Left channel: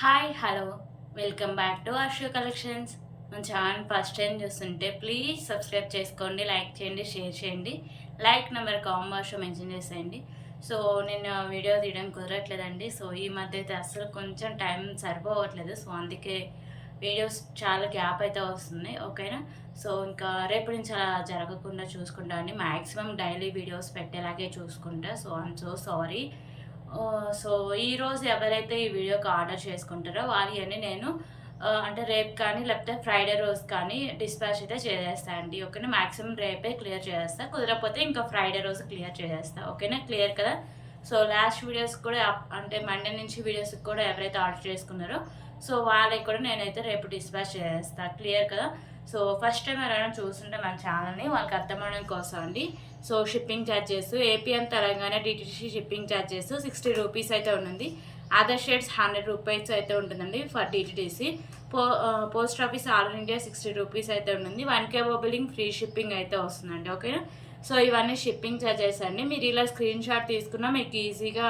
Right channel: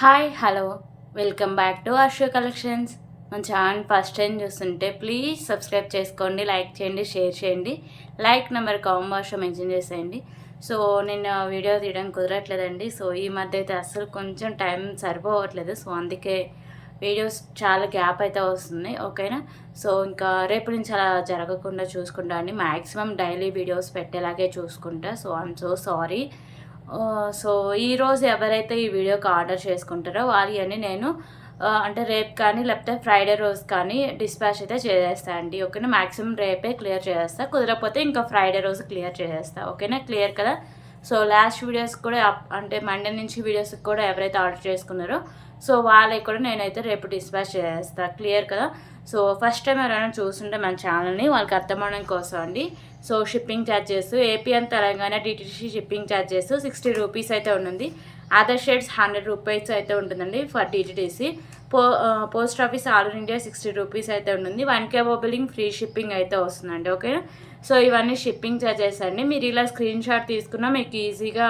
Hi hello welcome back to Arsho collections. మన channel first time చూస్తుంటే please subscribe చేసుకోండి, like చేయండి, షేర్ చేయండి. లైక్ నెంబర్ కామెంట్ బాక్స్లో మెన్షన్ చేసేయండి. సో నేను వీడియో తీయడం కుదరట్లేదండి. సో ఈ మధ్య అయితే అసలు కొంచెం టైం సరిపోవట్లేదు. సో అందుకే వీడియోస్ చాలా గ్యాప్ అయితే వస్తుంది. ఓకేనా. సో ఇంకా రేపు నుంచి అలా జరగకుండా చూసుకుంటా అండి. మ్యాక్సిమం డైలీ వీడియోస్ పెట్టేలాగే చూసుకుంటా. So I'm so sorry. So ఈరోజు ఎవరైతే ఈ వీడియోకి ఆర్డర్ చేసుకుంటారో వారి నేను అంటే రేపు కానీ లేకపోతే ఫ్రైడే రోజు కానీ డిస్పాచ్ అయితే చేసేస్తా అండి. ఓకేనా. మ్యాక్సిమం రేపే క్లియర్ చేసేస్తా, కుదరకపోతే ఇంకా ఫ్రైడే రోజు క్లియర్ చేసేస్తా. ఓకేనా. క్లియర్ కదా. సో లాస్ట్ వీడియోస్ కూడా అంటే మండే నుంచి వీడియోస్కి కూడా ఎవరైతే ఆర్డర్ చేసుకున్నారో సో వాళ్ళకి కూడా నేనైతే రేపు డిస్పాచ్ చేసేస్తా. క్లియర్ కదా. సో ఫస్ట్ టైం ఎవరైనా చూస్తుంటే మన ఛానల్ని వాళ్ళకి అర్థమవడం కోసం అండి. So shipping charges AP and Telangana DTC shipping charges 60 rupees అయితే ఉంటుంది. అదర్ స్టేట్స్ 100 రూపీస్ అయితే ఉంటుందండి for DTC. Post office all India 60 rupees అయితే ఉంటుంది. 1K బిల్లింగ్ ఫ్రీ షిప్పింగ్ అయితే వస్తుందండి. ఓకే. సో ఇవన్నీ షిప్పింగ్ ఛార్జెస్ అండి. మీరు ఇలా స్క్రీన్ షాట్ తీసుకున్నా మీకు ఈజీగా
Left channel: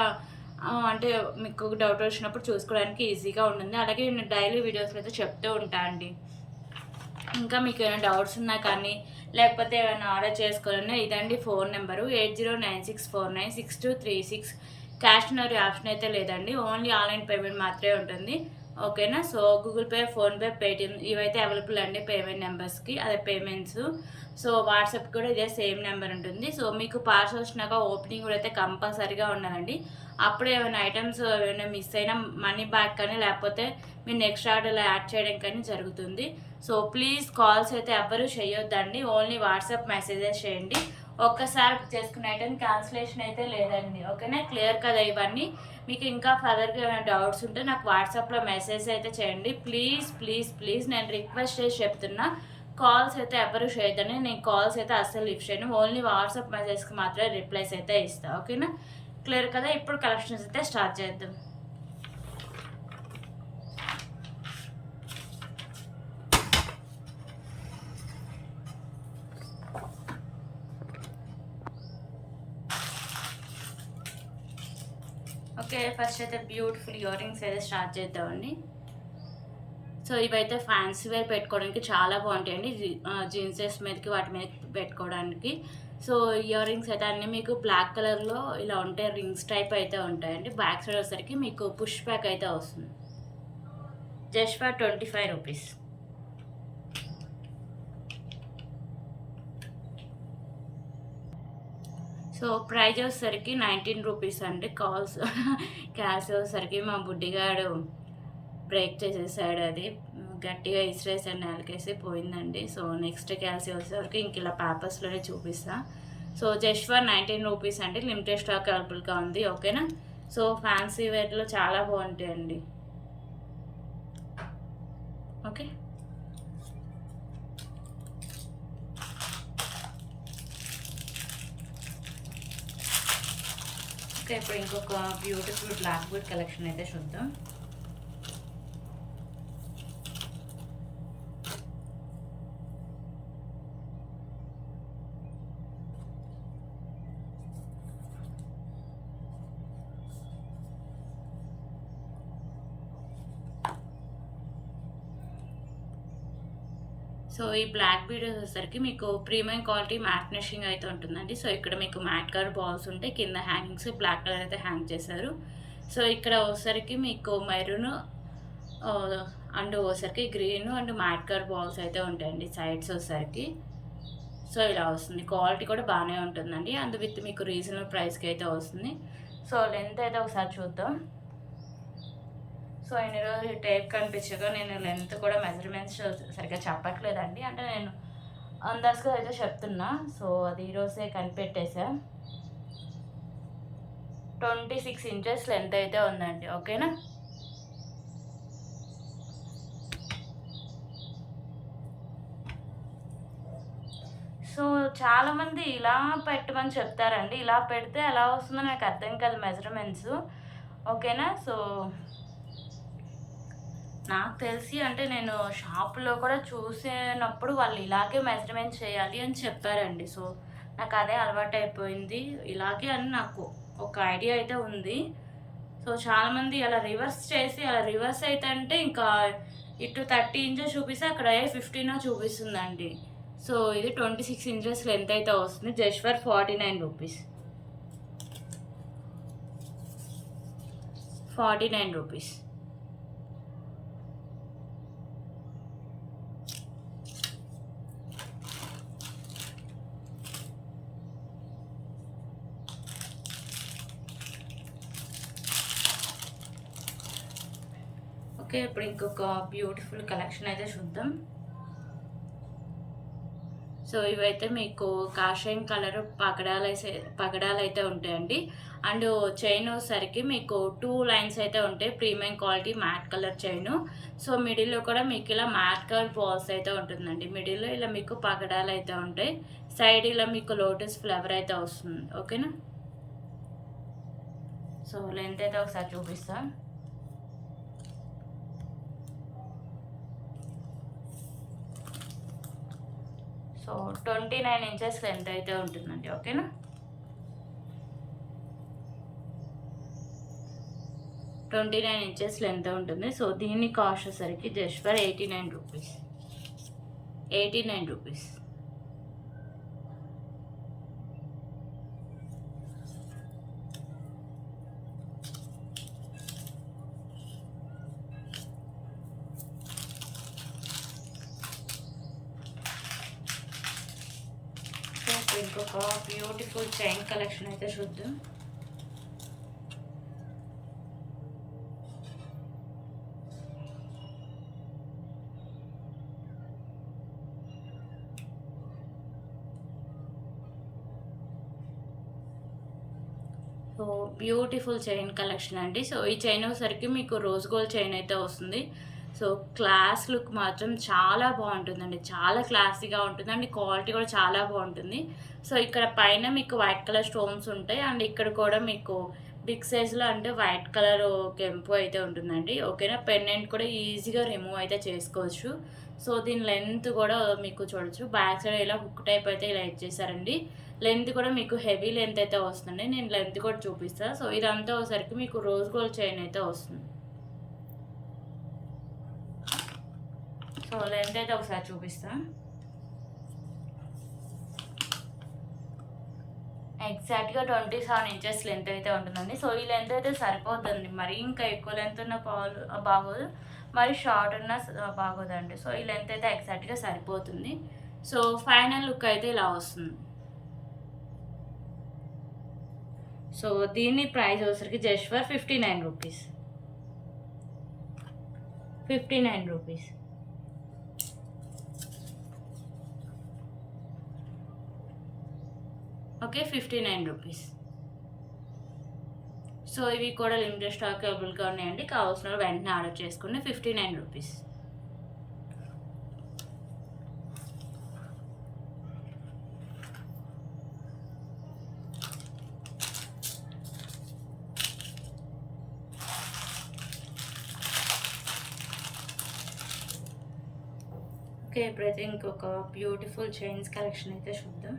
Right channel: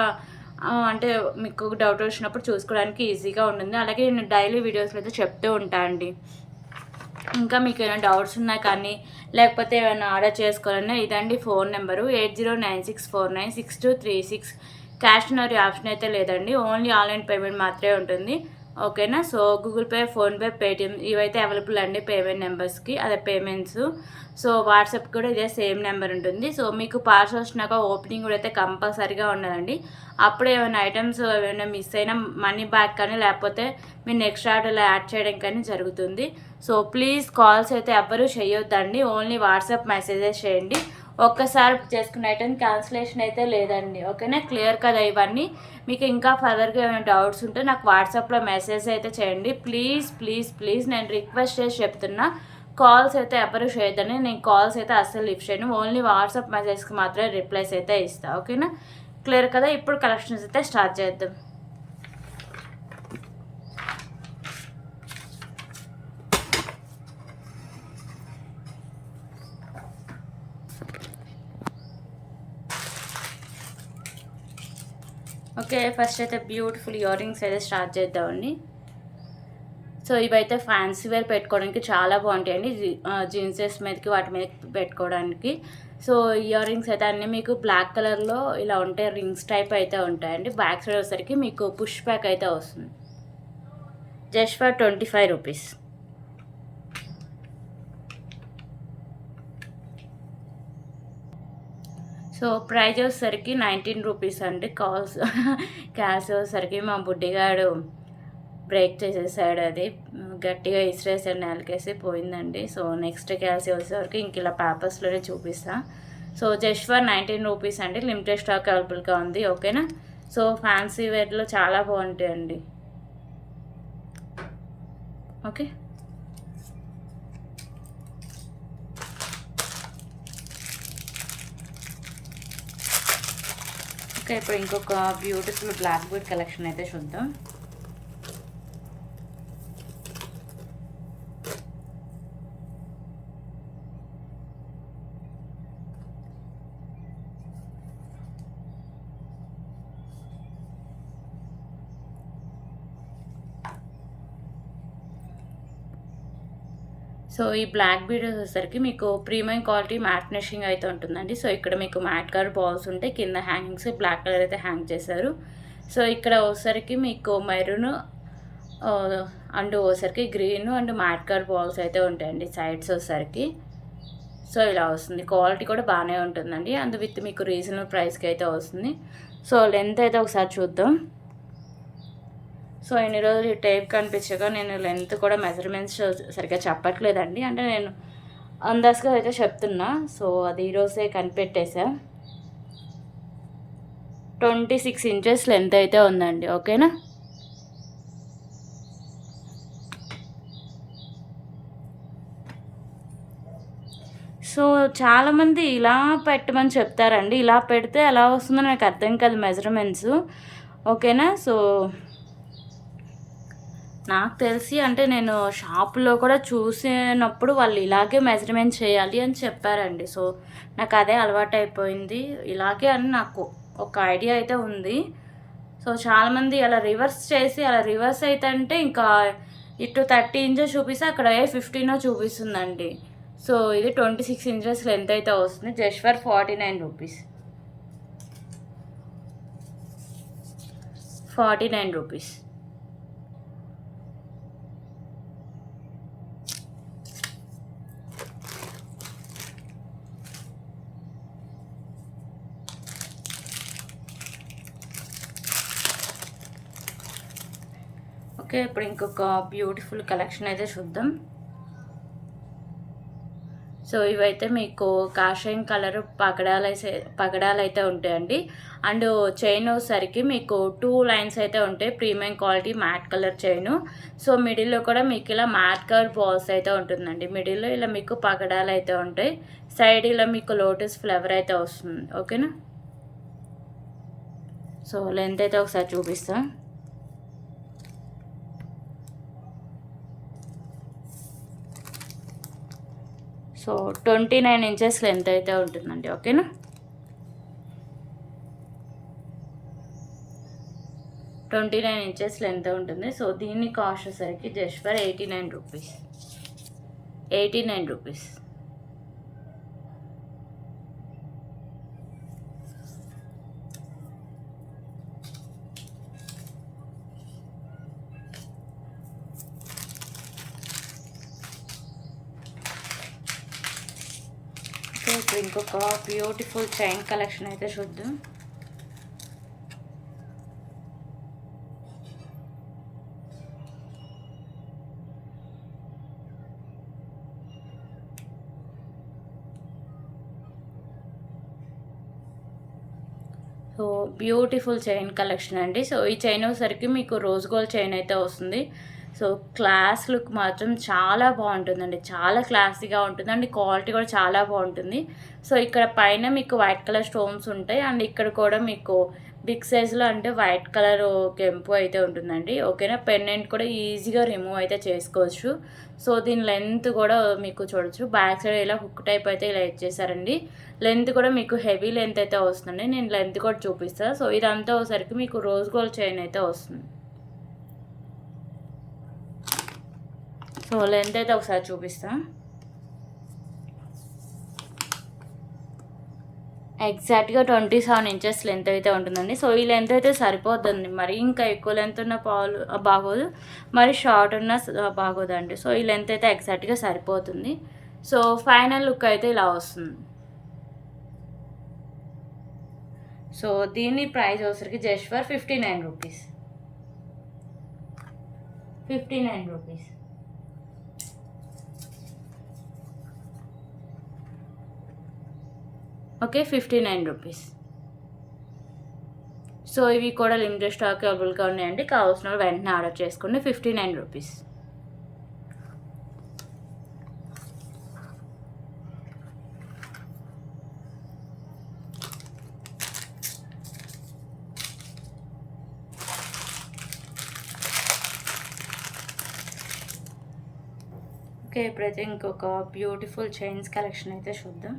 అంటే మీకు డౌట్ వచ్చినప్పుడు చూసుకోవడానికి ఈజీగా ఉంటుంది. అలాగే నేను డైలీ వీడియోస్లో అయితే చెప్తూ ఉంటాను అండి. ఇంకా మీకు ఏమైనా డౌట్స్ ఉన్నా కానీ లేకపోతే ఏమైనా ఆర్డర్ చేసుకోవాలన్నా ఇదండి phone number 8096496236. Cash on option అయితే లేదండి. ఓన్లీ ఆన్లైన్ పేమెంట్ మాత్రమే ఉంటుంది. ఓకేనా. So Google pay, PhonePe, Paytm ఇవైతే అవైలబుల్ అండి పేమెంట్ నెంబర్స్కి, అదే పేమెంట్స్. సో వాట్సాప్ కూడా ఇదే సేమ్ నెంబర్ ఉంటుంది. సో మీకు పార్సల్ వచ్చినాక ఓపెనింగ్ కూడా అయితే కంపల్సరీగా ఉండాలండి. అప్పుడు ఏమైనా ఐటమ్స్ ఏమైనా మిస్ అయినా మనీ బ్యాక్ కానీ లేకపోతే మీరు నెక్స్ట్ ఆర్డర్లో యాడ్ చేయడం కానీ జరుగుతుంది. సో ప్లీజ్ కాల్స్ అయితే ఎవ్వరూ చేయొద్దండి. ఓన్లీ వాట్సాప్ మెసేజెస్ చేయండి. ఒక్కసారి బుక్ చేసుకున్న ఐటమ్ క్యాన్సిలేషన్ అయితే లేదండి. ఓకేనా. క్లియర్ కదా ఇవన్నీ. మీకు ఇంకా ఫర్దర్గా ఏమైనా డౌట్స్ ఉంటే నాకు వాట్సాప్లో మెసేజ్ అయితే చేయండి. ప్లీజ్ ప్లీజ్ ప్లీజ్ నేను రిక్వెస్ట్ చేసి చెప్తున్నా, కాల్స్ అయితే ఎవరు చేయొద్దని. నేను కాల్స్ అయితే అస్సలు లిఫ్ట్ చేయను. ఓన్లీ వాట్సాప్ మెసేజ్కి మాత్రమే రిప్లైస్ అయితే ఇస్తాను. ఓకేనా. క్లియర్ కదా. ఇప్పుడు కలెక్షన్స్ అయితే స్టార్ట్ చేద్దాం. ఓకే. ఫస్ట్ అయితే బ్యూటిఫుల్ ఇయర్ రింగ్స్ అయితే స్టార్ట్ చేద్దామండి. సో ఇవైతే ఫ్యాన్సీ వేర్ పెట్టుకోవడానికి చాలా బాగుంటాయండి. జీన్సెస్ మీదకి వాటి మీద పెట్టుకోవడానికి. సో ఇయర్ రింగ్స్ అయితే అన్నీ మీకు బ్లాక్ కలర్లో ఇలా ఉంటాయి. రింగ్స్ టైప్ అయితే ఉంటాయండి. బ్యాక్ సైడ్ వచ్చేసరికి మీకు పుష్ బ్యాక్ అయితే వస్తుంది. Just for 25 rupees. So price వచ్చేసరికి 19 రూపీస్ అండి. క్యాష్ వచ్చేసరికి మా బుడ్డిగాడు బ్రేక్ చేసేసాడు. అది గట్టిగా ఇసిరేసాడు, నేలకేసి పోయిందండి. సో నెక్స్ట్ క్యాల్సి వచ్చేసరికి ఇంక ఇలా పేపర్స్లోనే చూపిస్తా. సో జస్ట్ ఫర్ 19 రూపీస్ అండి. లిమిటెడ్ స్టాక్ అవైలబుల్గా ఉంది. ఓకేనా. సో ఫ్యాన్సీ వేర్లో చాలా బాగుంటాయండి. ఓకే. ఓకే. ఇప్పుడు ఇంకొక బ్యూటిఫుల్ బ్లాక్ బుడ్ కలెక్షన్ అయితే చూద్దాం. సో ఈ బ్లాక్ బీడ్ వచ్చేసరికి మీకు ప్రీమియం క్వాలిటీ మ్యాట్ ఫినిషింగ్ అయితే ఉంటుందండి. సో ఇక్కడ మీకు మ్యాట్ కలర్ బాల్స్ ఉంటాయి. కింద హ్యాంగింగ్స్ బ్లాక్ కలర్ అయితే హ్యాంగ్ చేశారు. సో ఇక్కడ వచ్చేసరికి మీకు మెరూన్ అండ్ వచ్చేసరికి green and mat colour balls అయితే ఉంటాయండి సైడ్స్ వచ్చేసరికి. సో ఇలా వస్తుంది. క్వాలిటీ కూడా బాగానే ఉంటుందండి. అండ్ విత్ మీకు రీజనబుల్ ప్రైస్కి అయితే వస్తుంది. సో లెంత్ అయితే ఒకసారి చూద్దాం. సో ఇన్ని రోజులు ఈ టేప్ కనిపించగా నేను లెంత్ కూడా మెజర్మెంట్స్ సరిగ్గా చెప్పట్లేదండి. అంటే నేను అందాజుగా అయితే చెప్తున్నా. సో అది ఈరోజే కనిపెట్టేసా. 26 ఇంచెస్ లెంత్ అయితే ఉందండి. ఓకేనా. సో చాలామంది ఇలా పెట్టమని చెప్తారండి. ఇలా పెడితే ఎలా వస్తుందో నాకు అర్థం కాదు మెజర్మెంట్స్. ఓకేనా. సో నాకు తెలిసి అంటే నేను షాప్లో కూడా చూసినప్పుడు వాళ్ళు ఇలాగే మెజర్మెంట్ చేయాలి అని చెప్పారండి. సో నాకు అదే అలవాటు అయిపోయింది. ఇలాగే అని నాకు ఒక ఐడియా అయితే ఉంది. సో చాలామంది అలా రివర్స్ చేసి అలా రివర్స్ అయితే అంటే ఇంకా ఇటు 30 ఇంచెస్ చూపిస్తే అక్కడ 15 చూపిస్తుందండి. సో ఇది 26 ఇంచెస్ లెంత్ అయితే వస్తుంది just for 49 rupees. 49 rupees. Okay, ఇప్పుడు ఇంకొక బ్యూటిఫుల్ కలెక్షన్ అయితే చూద్దాం. సో ఇవైతే మీకు కాషాయం కలర్ పగడాలు అయితే ఉంటాయండి. అండ్ చైన్ సరికి మీకు 2 లైన్స్ అయితే ఉంటాయి. Premium quality matte colour chain. So మిడిల్లో కూడా మీకు ఇలా మ్యాట్ కలర్ బాల్స్ అయితే ఉంటుందండి. మిడిల్లో ఇలా మీకు పగడాలు అయితే ఉంటాయి. సైడ్ ఇలా మీకు లోటస్ ఫ్లవర్ అయితే వస్తుంది. ఓకేనా. సో లెంత్ అయితే ఒకసారి చూపిస్తాను. సో 29 ఇంచెస్ లెంత్ అయితే ఉంటుందండి. ఓకేనా. 29 ఇంచెస్ లెంత్ ఉంటుంది. సో దీని కాస్ట్ వచ్చేసరికి జస్ట్ ఫర్ 89 రూపీస్. 89 రూపీస్. ఇప్పుడు ఇంకొక బ్యూటిఫుల్ చైన్ కలెక్షన్ అయితే చూద్దాం. సో బ్యూటిఫుల్ చైన్ కలెక్షన్ అండి. సో ఈ చైన్ వచ్చేసరికి మీకు రోజ్ గోల్డ్ చైన్ అయితే వస్తుంది. సో క్లాస్ లుక్ మాత్రం చాలా బాగుంటుందండి. చాలా క్లాసీగా ఉంటుంది అండ్ క్వాలిటీ కూడా చాలా బాగుంటుంది. సో ఇక్కడ పైన మీకు వైట్ కలర్ స్టోన్స్ ఉంటాయి అండ్ ఇక్కడ కూడా మీకు బిగ్ సైజులో అంటే వైట్ కలర్ కెంపు అయితే ఉంటుందండి. ఓకేనా. పెండెంట్ కూడా ఈజీగా రిమూవ్ అయితే చేసుకోవచ్చు. సో దీని లెంత్ కూడా మీకు చూడొచ్చు. బ్యాక్ సైడ్ ఇలా హుక్ టైప్ అయితే ఇలా ఇచ్చేసారండి. లెంత్ కూడా మీకు హెవీ లెంత్ అయితే వస్తుంది. నేను లెంత్ కూడా చూపిస్తాను. సో ఇదంతా ఒకసారికి మీకు రోజ్ గోల్డ్ చైన్ అయితే వస్తుంది. సో లెంత్ అయితే ఒకసారి చూపిస్తాను. ఎగ్జాక్ట్గా 27 ఇంచెస్ లెంత్ అయితే ఉంటుందండి. సో ఈ లెంత్ అయితే సరిపోతుంది. మరి ఇంకా ఎక్కువ లెంత్ ఉన్న పాలు బాగోదు, మరి షార్ట్ ఉన్న బాగోదండి. సో ఈ లెంత్ అయితే ఎగ్జాక్ట్గా సరిపోతుంది. సో ఫైనల్ లుక్ అయితే ఇలా వస్తుంది. సో దీని ప్రైస్ వచ్చరికి just for 59 rupees. 59 rupees. Okay, 59 rupees. So ఇవి కూడా లిమిటెడ్ స్టాక్ అవైలబుల్గా ఉన్నాయండి. కావాల్సిన వాళ్ళు వెంటనే ఆర్డర్ చేసుకోండి. 59 రూపీస్. ఓకే, ఇప్పుడైతే ఇంకొక బ్యూటిఫుల్ చైన్స్ కలెక్షన్ అయితే చూద్దాం.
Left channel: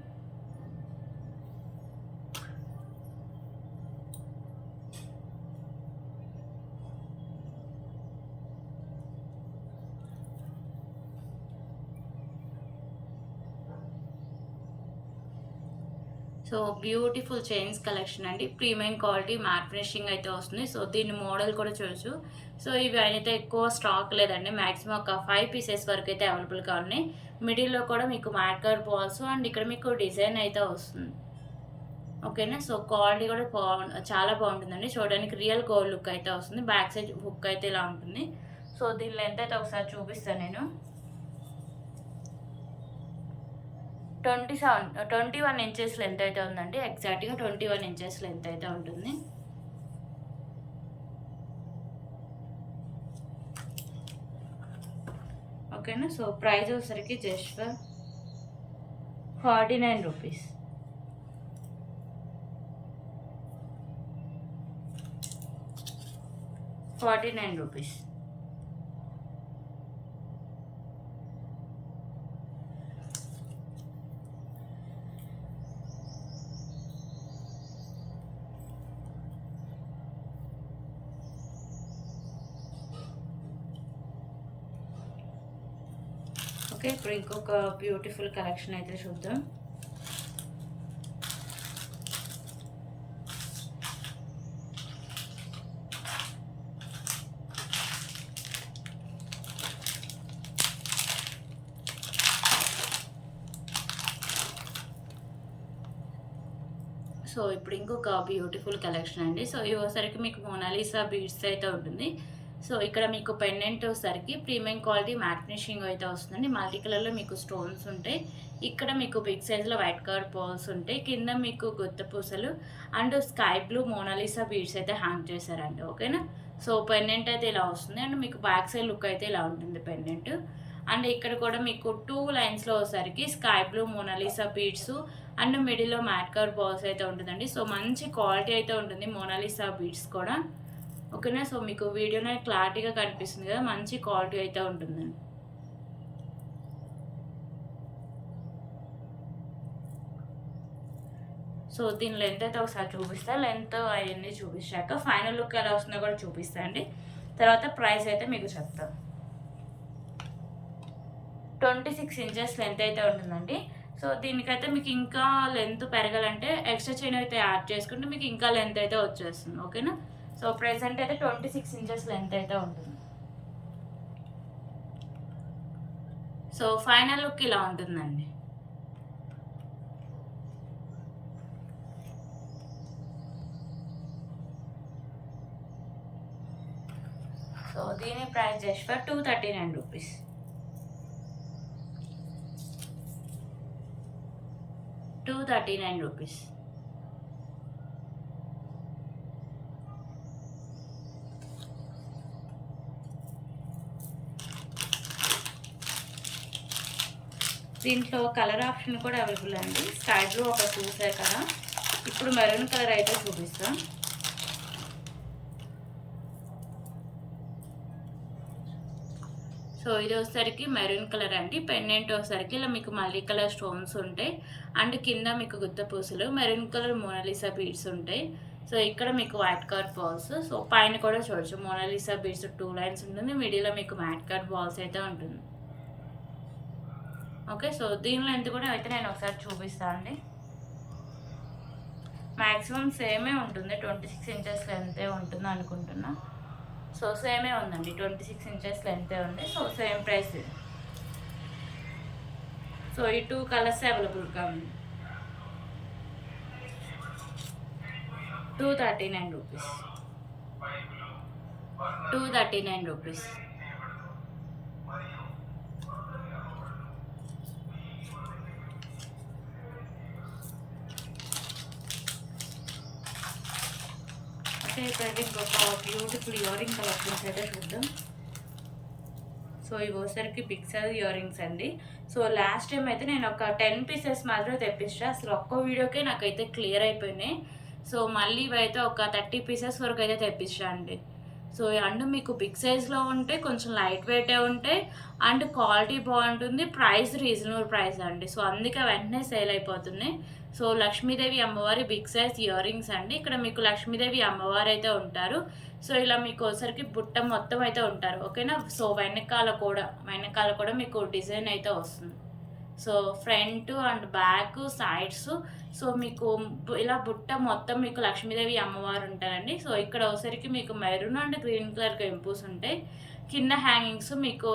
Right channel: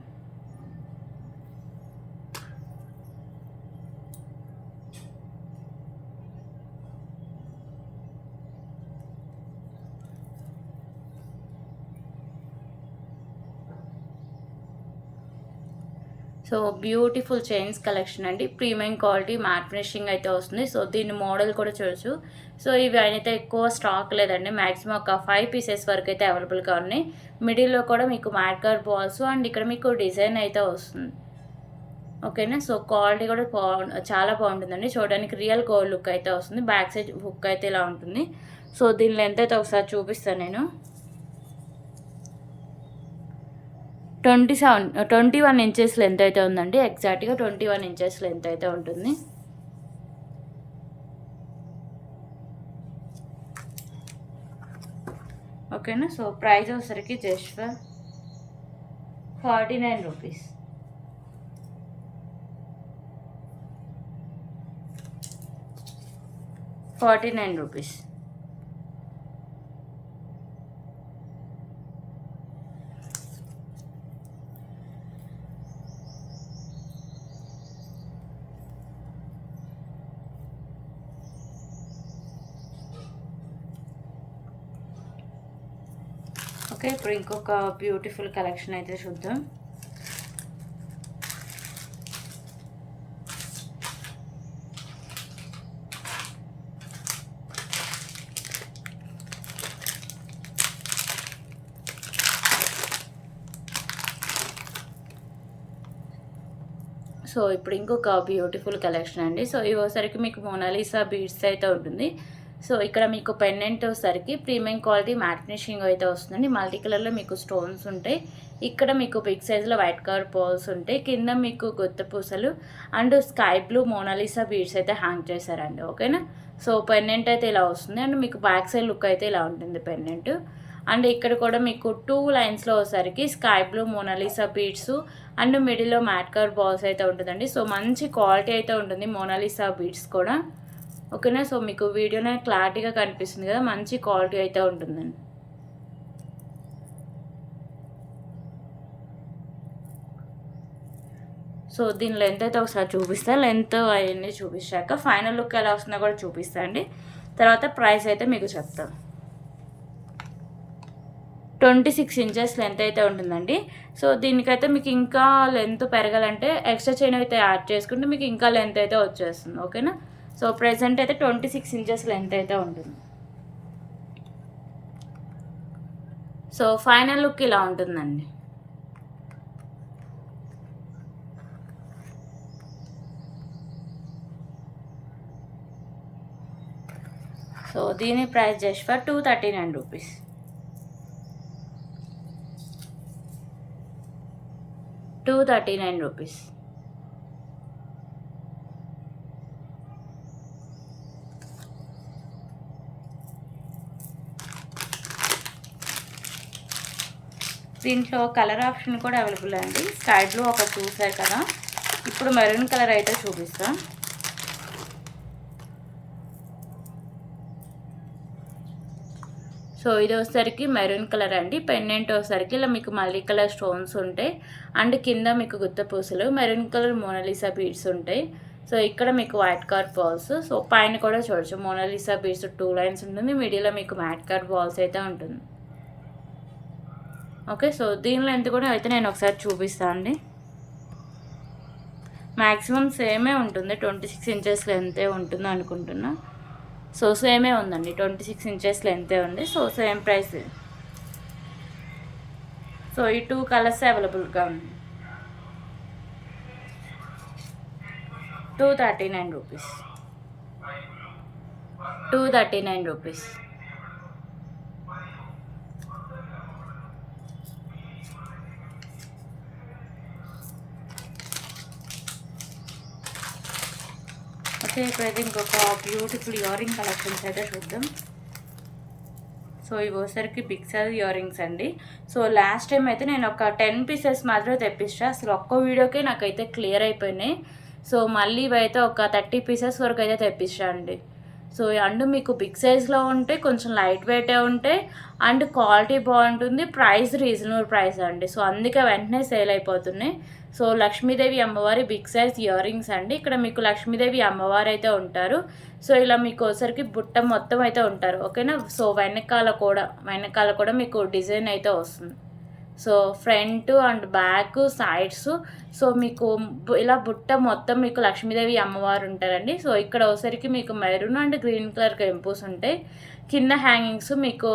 సో బ్యూటిఫుల్ చైన్స్ కలెక్షన్ అండి. ప్రీమియం క్వాలిటీ మ్యాట్ ఫినిషింగ్ అయితే వస్తుంది. సో దీని మోడల్ కూడా చూడొచ్చు. సో ఇవి అయితే ఎక్కువ స్టాక్ లేదండి. మ్యాక్సిమం ఒక 5 పీసెస్ వరకు అయితే అవైలబుల్గా ఉన్నాయి. మిడిల్లో కూడా మీకు మ్యాట్ కలర్ బాల్స్ అండ్ ఇక్కడ మీకు డిజైన్ అయితే వస్తుంది. ఓకేనా. సో క్వాలిటీ కూడా చాలా బాగుంటుందండి. చూడడానికి రియల్ గోల్డ్ లుక్ అయితే వస్తుంది. బ్యాక్ సైడ్ హుక్ అయితే ఇలా ఉంటుంది. సో దీని లెంత్ అయితే ఒకసారి చూపిస్తాను నేను. 21 ఇంచెస్ లెంత్ అయితే ఉందండి. ఎగ్జాక్ట్గా 21 ఇంచెస్ లెంత్ అయితే ఉంటుంది. ఓకేనా. సో ప్రైస్ వచ్చేసరికి just for 49 rupees. 49 rupees. Okay, ఇప్పుడు ఇంకొక బ్యూటిఫుల్ కలెక్షన్ అయితే చూద్దాం. సో ఇప్పుడు ఇంకొక బ్యూటిఫుల్ కలెక్షన్ అండి. సో ఇవోసరికి మీకు మోనాలిసా బీడ్స్ అయితే ఉంటుంది. సో ఇక్కడ మీకు పెండెంట్ వచ్చేసరికి ప్రీమియం క్వాలిటీ మ్యాట్ ఫినిషింగ్ అయితే వస్తుందండి. మల్టీ కలర్లో మీకు స్టోన్స్ ఉంటాయి. ఇక్కడ మీకు బిగ్ సైజ్లో వైట్ కలర్ పర్ల్స్ ఉంటాయి. కింద మీకు గుత్త పూసలు and sky blue Mona Lisa beads అయితే హ్యాంగ్ చేశారండి. ఓకేనా. సో పెండెంట్ అయితే ఇలా వస్తుంది అండ్ మీకు బ్యాక్ సైడ్ లుక్ అయితే ఇలా ఉంటుంది పెండెంట్. అండ్ ఇక్కడ కూడా మీకు 2 లైన్స్లో వచ్చేసరికి sky blue Mona Lisa beads and మిడిల్లో మ్యాట్ కలర్ బాల్స్ అయితే ఉంటుందండి. సో మంచి క్వాలిటీ అయితే ఉంటుంది మోనాలిసా బీడ్స్ కూడా. ఓకేనా. సో మీకు వీడియోనే క్లారిటీగా కనిపిస్తుంది కదా, మంచి క్వాలిటీ అయితే ఉంటుందండి. సో దీని లెంత్ అయితే ఒకసారి చూపిస్తా. లెంత్ అవన్నీ చూపించాక ఫైనల్ లుక్ ఎలా వస్తుందో కూడా చూపిస్తా అండి. తర్వాత ప్రైస్ అయితే మీకు చెప్తాను. 26 ఇంచెస్ లెంత్ అయితే ఉంటుందండి. సో దీనికైతే మీకు ఇంకా లెంత్ పెరగాలంటే ఎక్స్ట్రా చైన్ అయితే యాడ్ చేసుకుంటే మీకు ఇంకా లెంత్ అయితే వచ్చేస్తుంది. ఓకేనా. సో ప్రెసెంట్ అయితే 26 ఇంచెస్ లెంత్ అయితే ఉంటుంది. సో ఫైనల్ లుక్ ఇలా ఉంటుందండి. సో దీని price just for 239 rupees. 239 rupees. దీంట్లో కలర్ ఆప్షన్ కూడా అవైలబుల్ అండి. స్కై బ్లూ ఒకటి చూసారు కదా, ఇప్పుడు మెరూన్ కలర్ అయితే చూపిస్తాం. సో ఇది వచ్చేసరికి మెరూన్ కలర్ అండి. పెండెంట్ వచ్చేసరికి ఇలా మీకు మల్టీ కలర్ స్టోన్స్ ఉంటాయి అండ్ కింద మీకు గుత్త పూసలు మెరూన్ కలర్ మోనాలిసా బీడ్స్ ఉంటాయి. సో ఇక్కడ మీకు వైట్ కలర్ బాల్స్. సో పైన కూడా చూడొచ్చు మోనాలిసా బీడ్స్ 2 లైన్స్ ఉంటుంది. మిడిల్లో మీకు మ్యాట్ కలర్ బాల్స్ అయితే ఉంటుంది. ఓకే. సో దీని లెంత్ కూడా అయితే నేను ఒకసారి చూపిస్తాను అండి. మ్యాక్సిమం సేమే ఉంటుంది, 26 ఇంచెస్ లెంతే ఉంటుంది అనుకుంటున్నా. సో సేమే ఉందండి, 26 ఇంచెస్ లెంతే ఉంది. So same price. సో ఈ 2 కలర్స్ అవైలబుల్గా ఉంది. 239 రూపీస్. 239 రూపీస్. ఓకే, ఇప్పుడైతే ఇంకొక బ్యూటిఫుల్ ఇయర్ రింగ్ కలెక్షన్స్ అయితే చూద్దాం. సో ఇవి వచ్చేసరికి బిగ్ సైజ్ ఇయర్ రింగ్స్ అండి. సో లాస్ట్ టైం అయితే నేను ఒక 10 పీసెస్ మాత్రమే తెప్పించా. అసలు ఒక్క వీడియోకే నాకైతే క్లియర్ అయిపోయినాయి. సో మళ్ళీ ఇవైతే ఒక 30 పీసెస్ వరకు అయితే తెప్పించా అండి. సో అండ్ మీకు బిగ్ సైజ్లో ఉంటే కొంచెం లైట్ వెయిటే ఉంటాయి అండ్ క్వాలిటీ బాగుంటుంది. ప్రైస్ రీజనబుల్ ప్రైస్ అండి. సో అందుకే వెంటనే సేల్ అయిపోతున్నాయి. సో లక్ష్మీదేవి అమ్మవారి బిగ్ సైజ్ ఇయర్ రింగ్స్ అండి. ఇక్కడ మీకు లక్ష్మీదేవి అమ్మవారు అయితే ఉంటారు. సో ఇలా మీకు ఒకసారికి బుట్ట మొత్తం అయితే ఉంటారు. ఓకేనా. సో వెనకాల కూడా మీకు డిజైన్ అయితే వస్తుంది. So front and back sides so మీకు ఇలా బుట్ట మొత్తం మీకు లక్ష్మీదేవి అమ్మవారు ఉంటారండి. సో ఇక్కడ ఒకసారికి మీకు మెరూన్ అండ్ గ్రీన్ కలర్ కెంపూస్ ఉంటాయి. కింద హ్యాంగింగ్స్ మీకు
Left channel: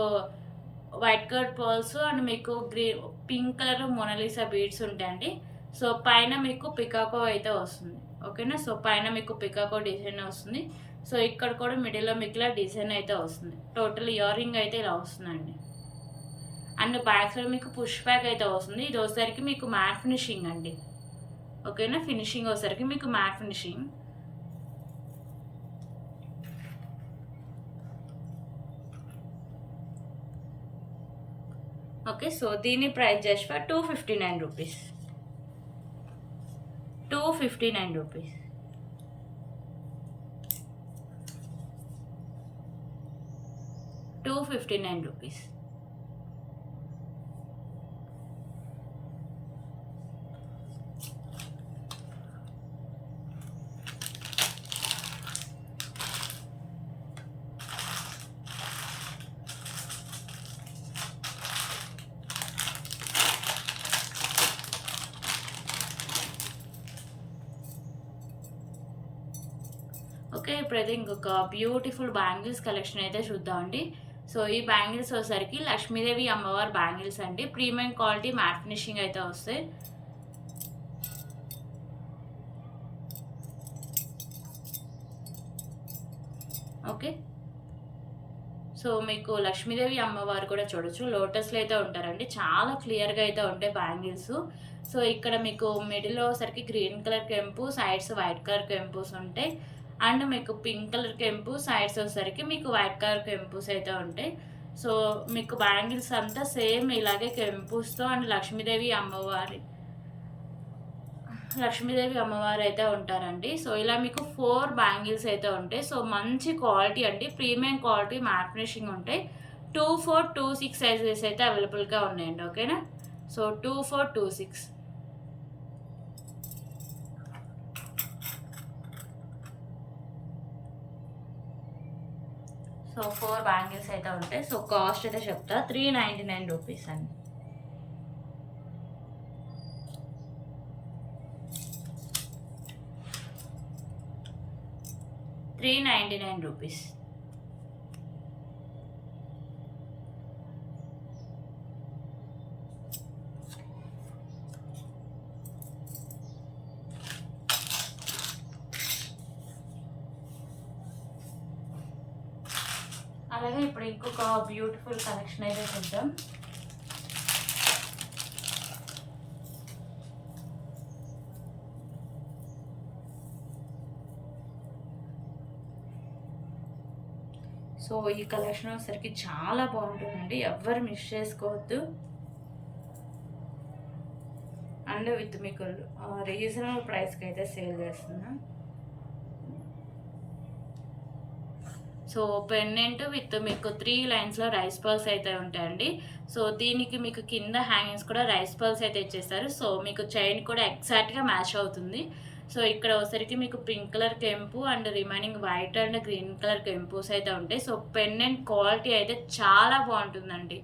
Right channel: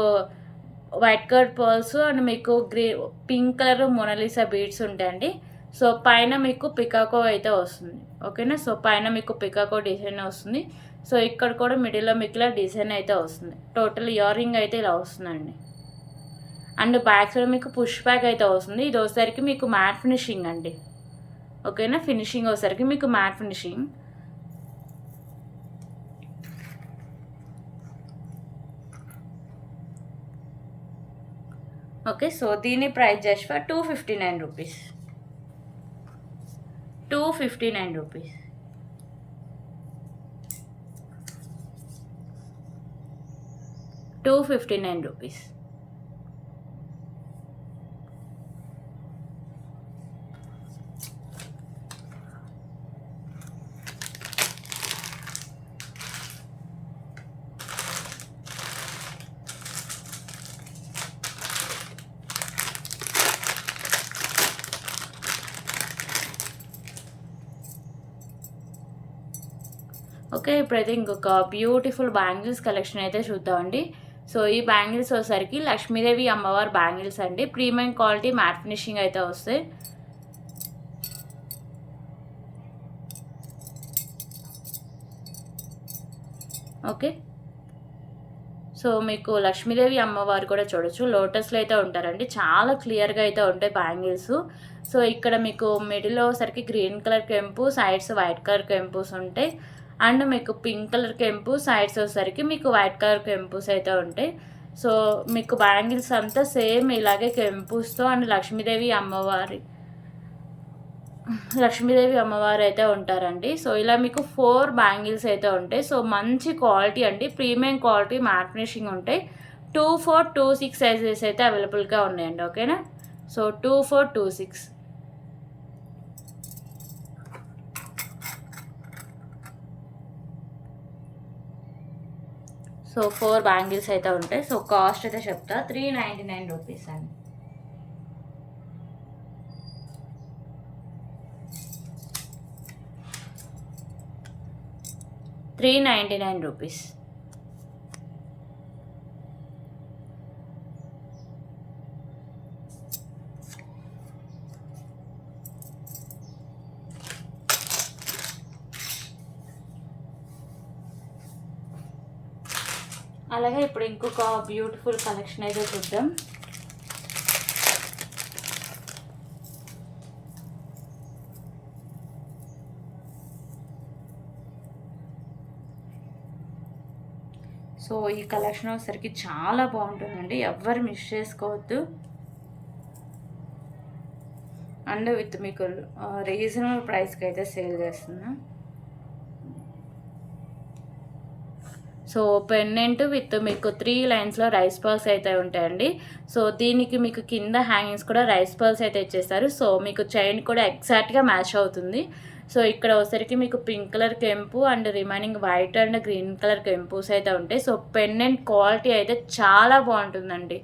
వైట్ కలర్ పర్ల్స్ అండ్ మీకు పింక్ కలర్ మోనాలిసా బీడ్స్ ఉంటాయండి. సో పైన మీకు పికాకో అయితే వస్తుంది. ఓకేనా. సో పైన మీకు పికాకో డిజైన్ వస్తుంది. సో ఇక్కడ కూడా మిడిల్లో మీకు ఇలా డిజైన్ అయితే వస్తుంది. టోటల్ ఇయర్ రింగ్ అయితే ఇలా వస్తుందండి. అండ్ బ్యాక్ సైడ్ మీకు పుష్ బ్యాక్ అయితే వస్తుంది. ఇది వచ్చేసరికి మీకు మ్యాట్ ఫినిషింగ్ అండి. ఓకేనా. ఫినిషింగ్ వచ్చేసరికి మీకు మ్యాట్ ఫినిషింగ్. ఓకే. సో దీని price just for 259 rupees. 259 rupees. 259 rupees. Okay, ఇప్పుడైతే ఇంకొక బ్యూటిఫుల్ బ్యాంగిల్స్ కలెక్షన్ అయితే చూద్దామండి. సో ఈ బ్యాంగిల్స్ వచ్చేసరికి లక్ష్మీదేవి అమ్మవారి బ్యాంగిల్స్ అండి. ప్రీమియం క్వాలిటీ మ్యాట్ ఫినిషింగ్ అయితే వస్తాయి. ఓకే, సో మీకు లక్ష్మీదేవి అమ్మవారు కూడా చూడొచ్చు, లోటస్లో అయితే ఉంటారండి. చాలా క్లియర్గా అయితే ఉంటాయి బ్యాంగిల్స్. సో ఇక్కడ మీకు మిడిల్లో సరికి గ్రీన్ కలర్ కెంపు, సైడ్స్ వైట్ కలర్ కెంపుస్ ఉంటాయి. అండ్ మీకు పింక్ కలర్ కెంపు, సైడ్స్ వచ్చేసరికి మీకు వైట్ కలర్ కెంపుస్ అయితే ఉంటాయి. సో మీకు బ్యాంగిల్స్ అంతా సేమ్ ఇలాగే కెంపుస్తో అండ్ లక్ష్మీదేవి అమ్మవారు అయితే ఉంటారండి. సో ఇలా మీకు 4 బ్యాంగిల్స్ అయితే ఉంటాయి. సో మంచి క్వాలిటీ అండి, ప్రీమియం క్వాలిటీ మ్యాట్ ఫినిషింగ్ ఉంటాయి. 2, 4, 2, 6 సైజెస్ అయితే అవైలబుల్గా ఉన్నాయండి. ఓకేనా, సో 2, 4, 2, 6. సో 4 బ్యాంగిల్స్ అయితే ఉంటాయి. సో కాస్ట్ అయితే చెప్తా, 399 రూపీస్ అండి. 399 రూపీస్. అలాగే ఇప్పుడు ఇంకొక బ్యూటిఫుల్ కలెక్షన్ అయితే చూద్దాం. సో ఈ కలెక్షన్ వచ్చేసరికి చాలా బాగుంటుందండి, ఎవ్వరు మిస్ చేసుకోవద్దు. అండ్ విత్ మీకు రీజనబుల్ ప్రైస్కి అయితే సేల్ చేస్తున్నా. సో పెండెంట్ విత్ మీకు 3 లైన్స్లో రైస్ పర్ల్స్ అయితే ఉంటాయండి. సో దీనికి మీకు కింద హ్యాంగింగ్స్ కూడా రైస్ పర్ల్స్ అయితే ఇచ్చేస్తారు. సో మీకు చైన్ కూడా ఎగ్జాక్ట్గా మ్యాచ్ అవుతుంది. సో ఇక్కడ వచ్చరికి మీకు పింక్ కలర్ కెంపు and remaining white and green colour కెంపుస్ అయితే ఉంటాయి. సో పెండెంట్ క్వాలిటీ అయితే చాలా బాగుంటుందండి.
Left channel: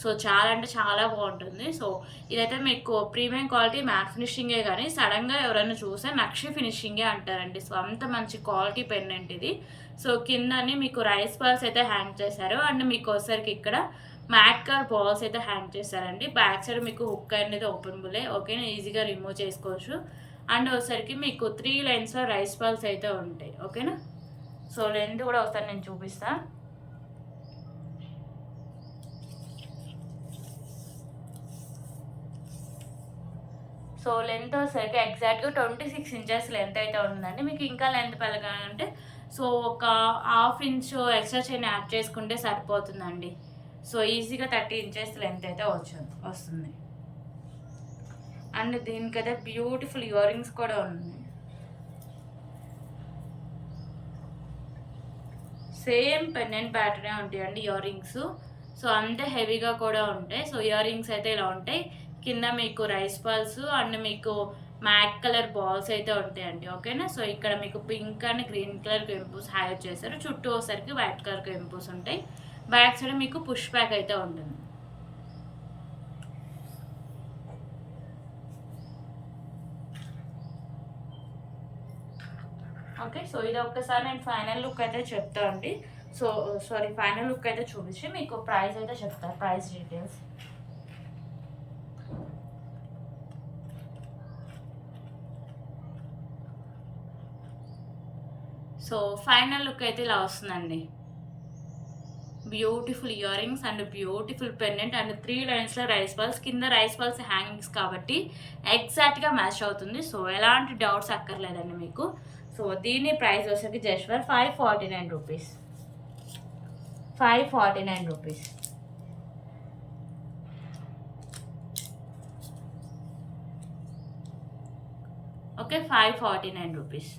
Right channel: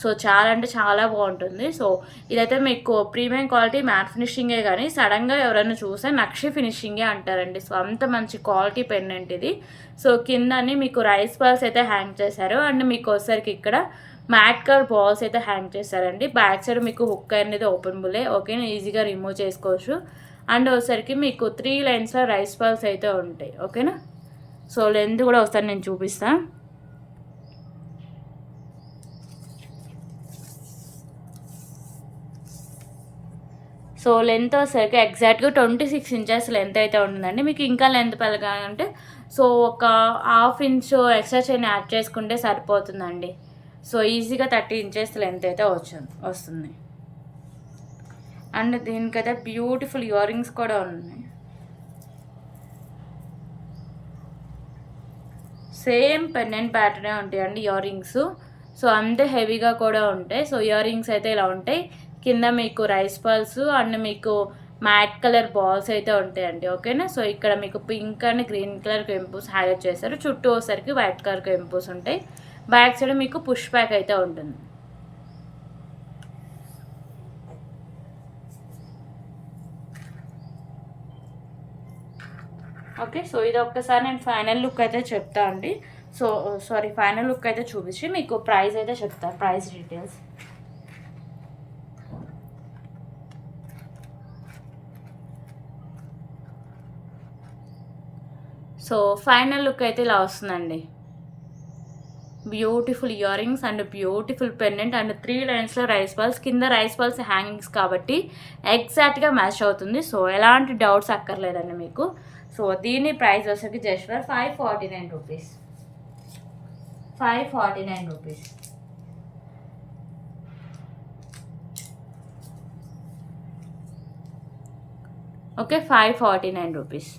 సో చాలా అంటే చాలా బాగుంటుంది. సో ఇదైతే మీకు ప్రీమియం క్వాలిటీ మ్యాట్ ఫినిషింగే, కానీ సడన్గా ఎవరైనా చూస్తే నక్షి ఫినిషింగే అంటారండి. సో అంత మంచి క్వాలిటీ పెండెంట్ ఇది. సో కిందని మీకు రైస్ బాల్స్ అయితే హ్యాంగ్ చేశారు అండ్ మీకు వచ్చరికి ఇక్కడ మ్యాట్ కలర్ బాల్స్ అయితే హ్యాంగ్ చేశారండి. బ్యాక్ సైడ్ మీకు హుక్ అనేది ఓపెన్ బుల్లే, ఓకేనా, ఈజీగా రిమూవ్ చేసుకోవచ్చు. అండ్ వచ్చరికి మీకు 3 లైన్స్లో రైస్ బాల్స్ అయితే ఉంటాయి. ఓకేనా, సో లెంత్ కూడా ఒకసారి నేను చూపిస్తాను. సో లెంత్ వచ్చేసరికి ఎగ్జాక్ట్గా 26 ఇంచెస్ లెంత్ అయితే ఉంటుందండి. మీకు ఇంకా లెంత్ పెరగాలంటే సో ఒక ½ ఇంచు ఎక్స్ట్రా చైన్ యాడ్ చేసుకుంటే సరిపోతుందండి. సో ఈజీగా 30 ఇంచెస్ లెంత్ అయితే వస్తుంది. అండ్ దీనికైతే బ్యూటిఫుల్ ఇయర్ రింగ్స్ కూడా ఉన్నాయి. సేమ్ పెండెంట్ ప్యాటర్నే ఉంటాయండి ఇయర్ రింగ్స్. సో అంతే హెవీగా కూడా ఉంటాయి. సో ఇయర్ రింగ్స్ అయితే ఇలా ఉంటాయి. కింద మీకు రైస్ పర్ల్స్ అండ్ మీకు మ్యాట్ కలర్ బాల్స్ అయితే ఉంటాయండి. ఓకేనా, సో ఇక్కడ మీకు పింక్ అండ్ గ్రీన్ కలర్ కెంపుస్ హైలైట్ చేస్తారు. చుట్టూ వచ్చేసరికి వైట్ కలర్ కెంపుస్ ఉంటాయి. బ్యాక్ సైడ్ మీకు పుష్ బ్యాక్ అయితే ఉంటుంది. ఓకే, సో ఇది ఒక్కసారి నేను ఫైనల్ లుక్ అయితే చెప్తా అండి. సో ఫైనల్ లుక్ అయితే చూపించి మీకు ప్రైస్ అయితే చెప్తా, price details. So final look అయితే ఇలా వస్తుందండి. Beautiful ear rings and beautiful pendant and 3 లైన్స్లో రైస్ బాల్స్, కింద రైస్ బాల్స్ హ్యాంగింగ్స్ కాబట్టి ఎగ్జాక్ట్గా మ్యాచ్ అవుతుంది. సో ఎలాంటి డౌట్స్ అక్కర్లేదండి మీకు. సో దీని ప్రైస్ వచ్చేసి just for 549 rupees. 549 rupees. Okay, 549 rupees.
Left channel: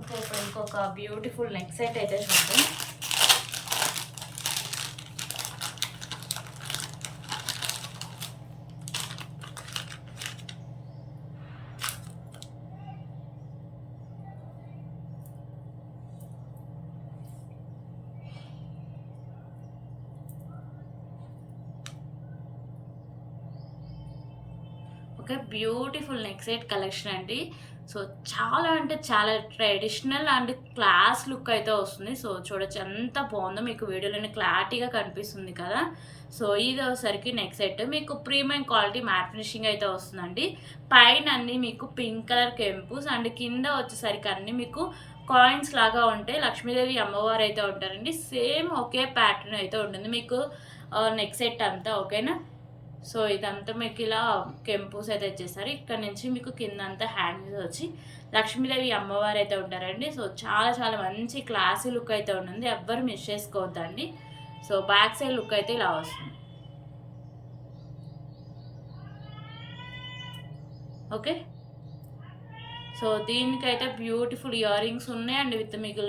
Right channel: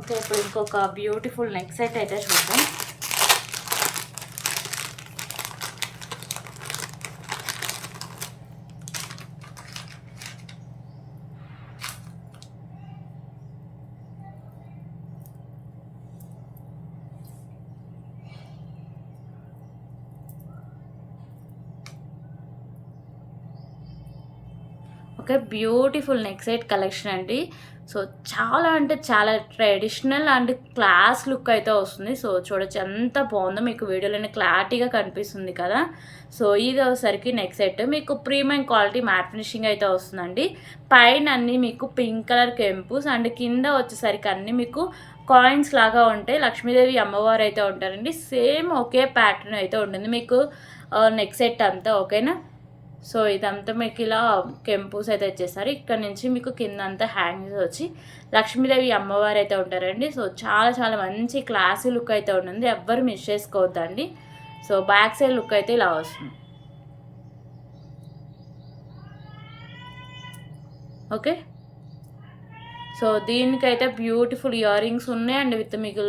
Okay, ఇప్పుడు ఇంకొక బ్యూటిఫుల్ నెక్ సెట్ అయితే చూద్దాం. Okay, beautiful neck set collection అండి. సో చాలా అంటే చాలా ట్రెడిషనల్ అండ్ క్లాస్ లుక్ అయితే వస్తుంది. సో చూడొచ్చు ఎంత బాగుందో, మీకు వీడియోలోనే క్లారిటీగా కనిపిస్తుంది కదా. సో ఇది వచ్చేసరికి నెక్ సెట్ మీకు ప్రీమియం క్వాలిటీ మ్యాట్ ఫినిషింగ్ అయితే వస్తుందండి. పైన అన్నీ మీకు పింక్ కలర్ కెంపుస్ అండ్ కింద వచ్చేసరికి అన్నీ మీకు కాయిన్స్ లాగా ఉంటాయి. లక్ష్మీదేవి అమ్మవారు అయితే ఉంటారండి. సేమ్ ఒకే ప్యాటర్న్ అయితే ఉంటుంది మీకు నెక్ సెట్ అంతా, ఓకేనా. సో ఇదంతా మీకు ఇలా కెంపుస్ అయితే వచ్చేసారు. ఇక్కడ నుంచి మీకు కింద అంతా హ్యాంగింగ్స్ వచ్చి లక్ష్మీదేవి అమ్మవారు అయితే ఉంటారండి. సో చాలా చాలా మంచి క్లాసీ లుక్ అయితే ఉంటుంది, ఎవ్వరు మిస్ చేసుకోవద్దండి. సో బ్యాక్ సైడ్ లుక్ అయితే ఇలా వస్తుంది. ఓకే, సో దీనికైతే బ్యూటిఫుల్ ఇయర్ రింగ్స్ ఉన్నాయి అండ్ విత్ మీకు